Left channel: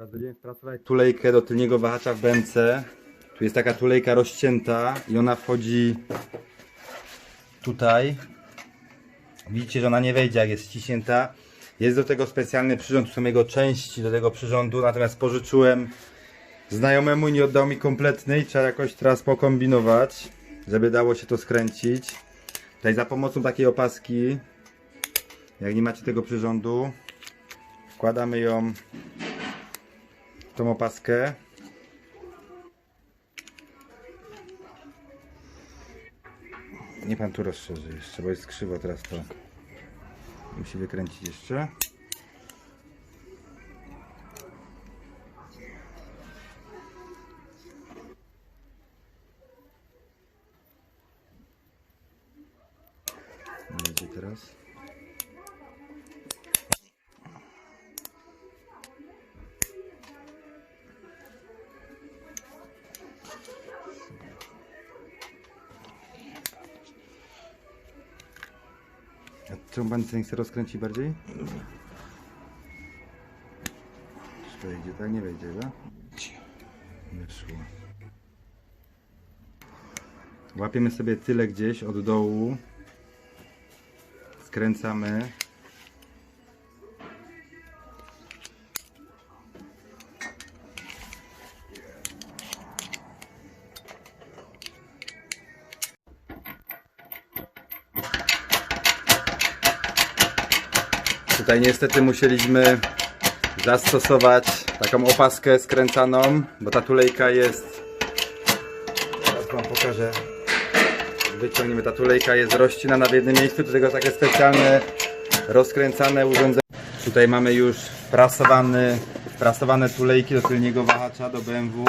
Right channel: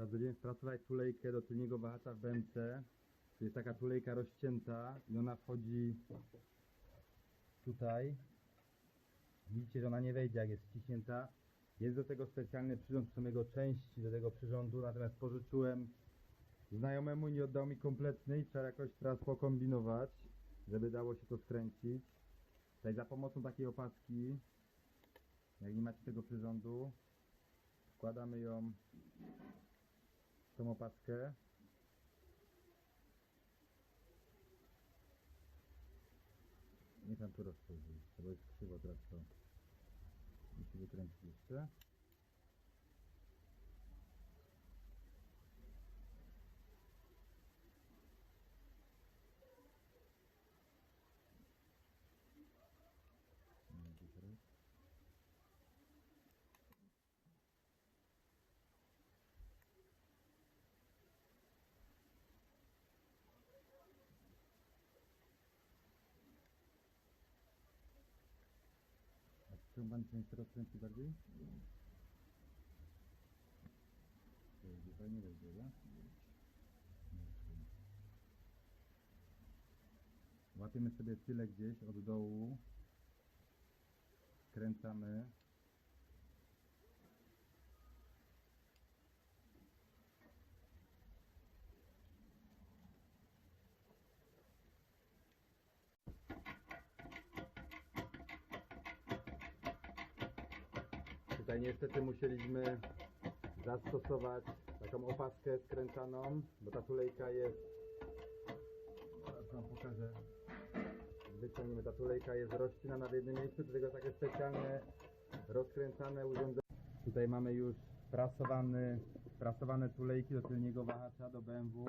Teraz będziemy sprasować tulejkę do tylniego wahacza w BMC. Tu jest taka tulejka rozcięta i ona wchodzi tutaj. Widzicie, że ona nie wejdzie jak jest ściśnięta. Jest do tego specjalny przyrząd, tu są jego części do tego przyrządu, natomiast pożyczyłem znajomemu i nie oddał mi kompletny i trzeba jakoś teraz pokombinować, żeby dało się to skręcić. Tutaj za pomocą takiej opaski, jak nie macie tego przyrządu, wkładamy ją tą opaskę. Nie pan tu rozszerzy jeszcze, bo jest krzywo teraz to. Musi wykręcić jeszcze. Będzie teraz. A czemu pan nie chce rozkręcić bardziej? Czy wejdzie, tak? Nie wejdzie, tak? Wyszło. Łapiemy sobie tyle gdzieś od dołu. Skręcamy. Tutaj niestety musieliśmy zastosować taką opaskę skręcaną, bo ta tulejka jest. Teraz wam pokażę. Wyciągniemy, ta tulejka jest rozcinana w jednym miejscu, do tego takie specjalne rozkręcane urządzenie. Tutaj mamy już prasowany, prasowane tulejki do tylniego wahacza do BMW.